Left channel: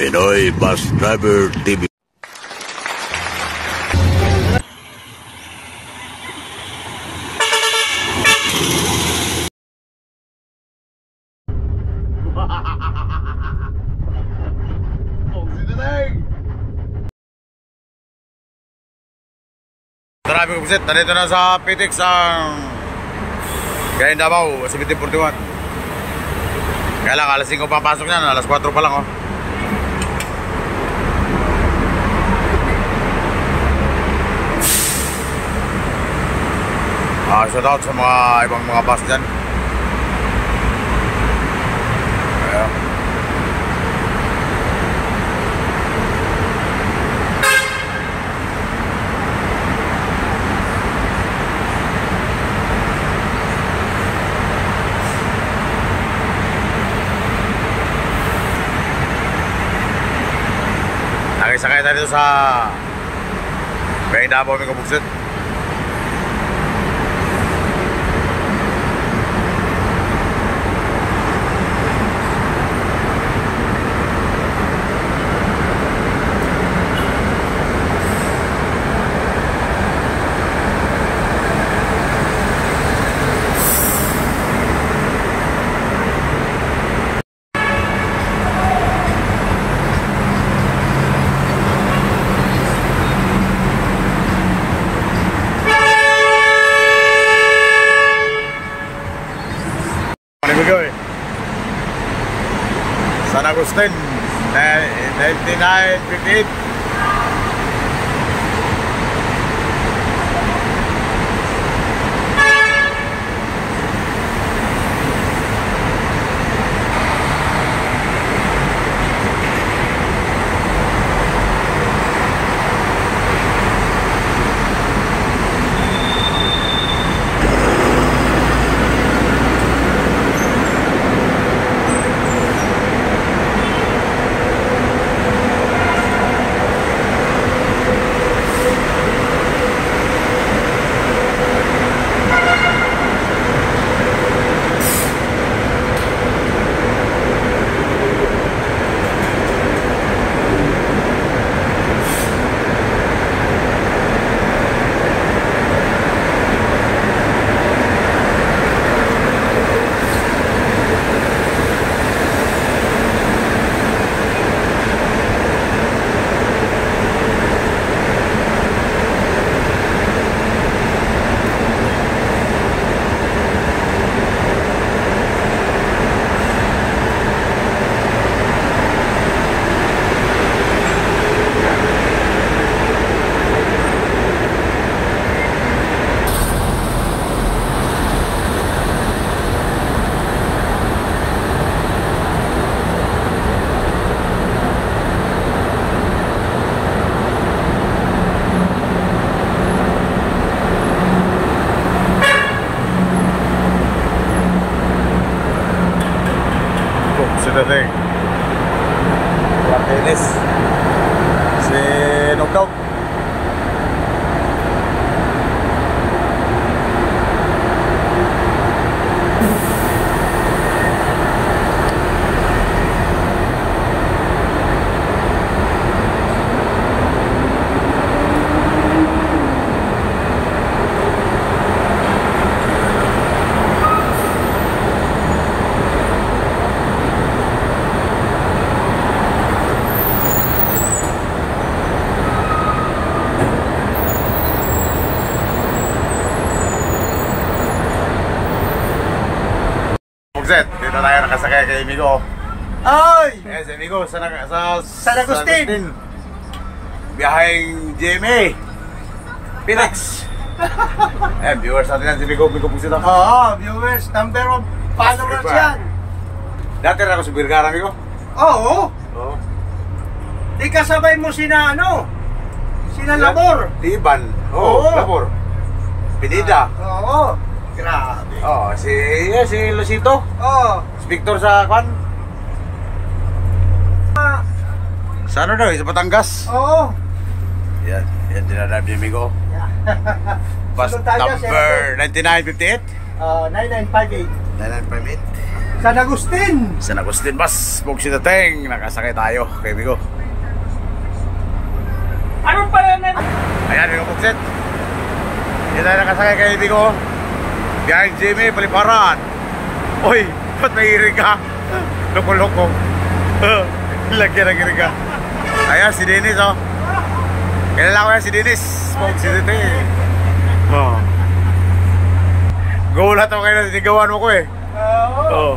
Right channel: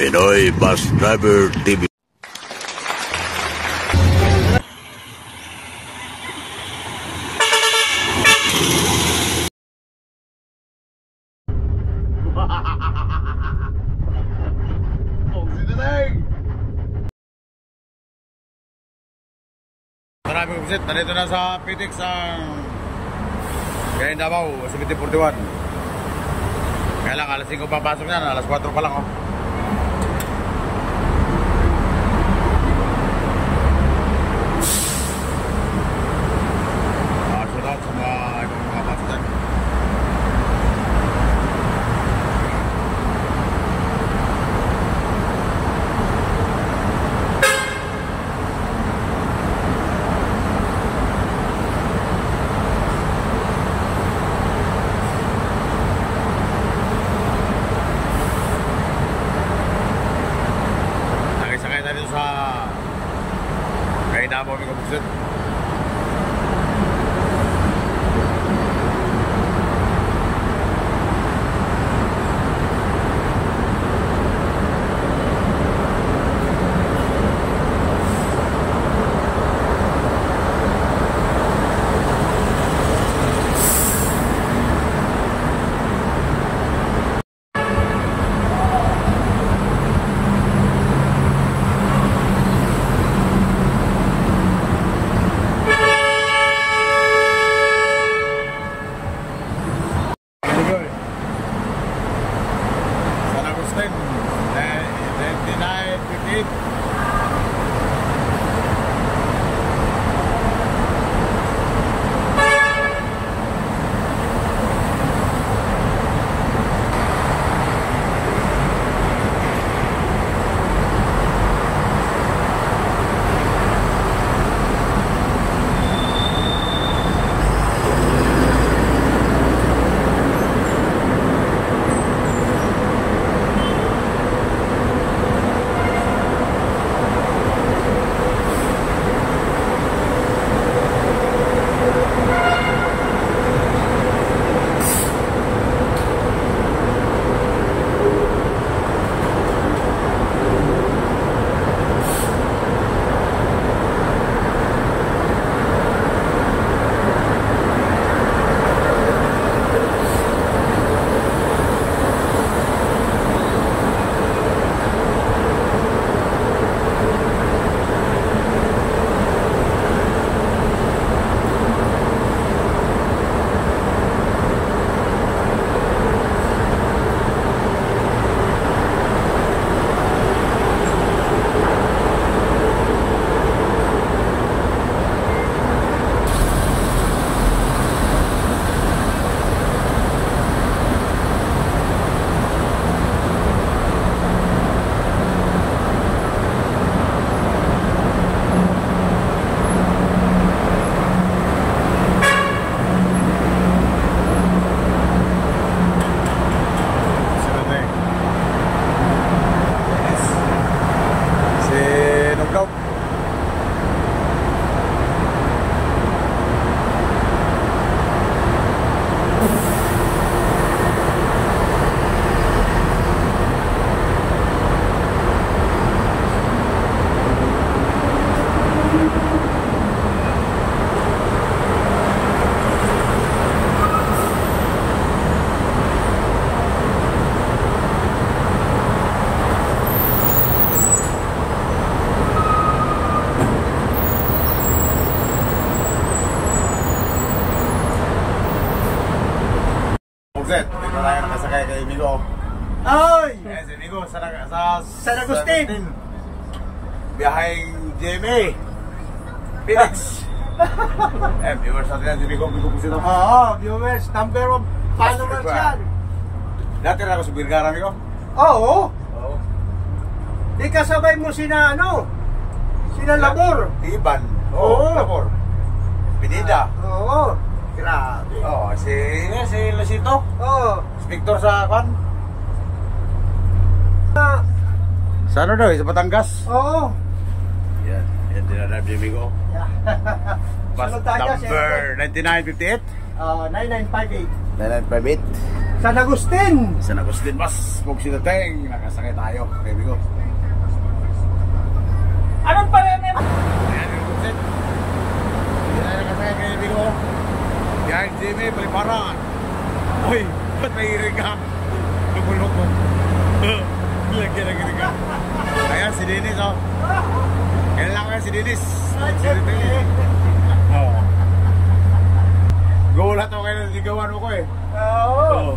Pinoy Bus Driver TV. Marami ko visit, narito na sa PTX ang Gayan Davao, 1741. Kaya lang, alas 5 papasok yan, alas 4 pa lang shout out sa mga ibang mga bus dyan. Ayan. Sakay tayo dito sa Gayan Davao, may kabuksit. San Agustin 9958. Martinez si Nogdog. Dito tayo nakasakay kay Migo. Ay! Yes, Migo, sa San Agustin. Biyaheng GMA Phoenix. Viewers natin yan si Migo Pusito. Oo, viewers, number 1 followers yan. Dati na ako sa Birgara, Migo. Oo. Di kasabay mo sina sina Labor. Tiban. Oo. Labor. Pinida. Oo. Grabe. Si Lucito. Victor sa kwan. Sa ano daw? Sa Batangas. Oo. Yan dinadab ni Migo. Bus number 9958. 9958. 9958. San Agustin. San Agustin Bus, Pugsi Dateng. Nakasakay tayo kay Bigo. Anong pala na? Ayan, Bigo Pugsit. Hindi tayo nakasakay kay Bigo. Behind Jimmy, Paliparan. Uy, ba't may iring ka? Loko-loko. Lagyan ng iring ka. Ayan, si Dennis, oh. Kilala ko yan si Dennis. Pugsi Dateng. Oh. Gulat ako kayo na sinigawan mo ko eh. Oo.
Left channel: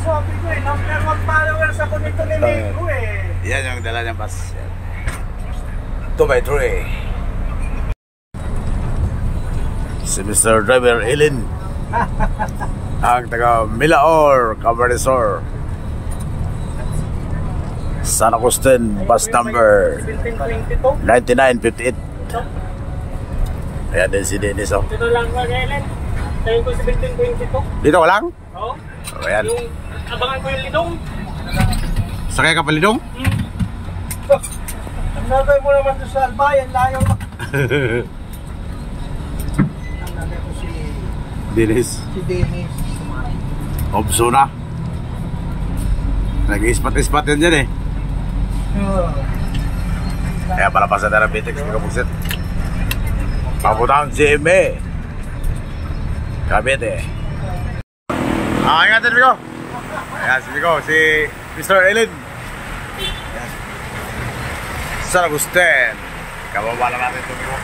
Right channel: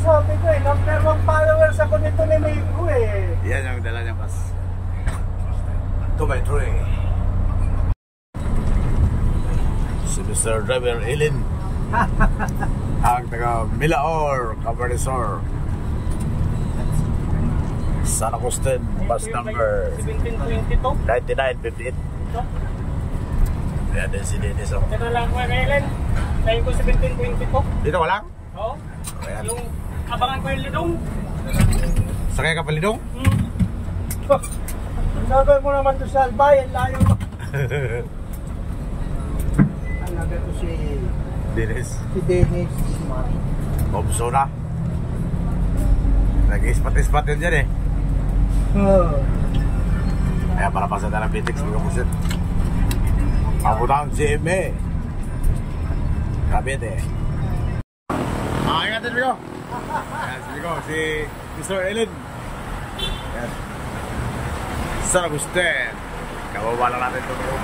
Sabi ko eh, number 1 followers ako nito ni Nico eh. Yan yung dala niyang pas. 2x3. Si Mr. Driver Ellen. Ang taga Milaor, Camarnesor. San Agustin, bus number 9958. Ayan din si Dennis, oh. Ito lang ko, Ellen. Tayo ko 1722. Dito ka lang? Oo. Oh, ayan. Yung abangan ko yung lidong. Sakay ka palidong? Sabi mo naman to sa Albayan, layo mo. Talaga to si Dennis. Dennis. Obso na. Nag-ispat-ispat yan dyan eh. Kaya palapasan na ng Bitix, hindi ka pusit. Papunta ang GMA. Kabit eh. Ingatan Bigo. Ayan si Bigo, si Mr. Ellen. Ayan. San Agustin. Kababa lang natin ito Bigo.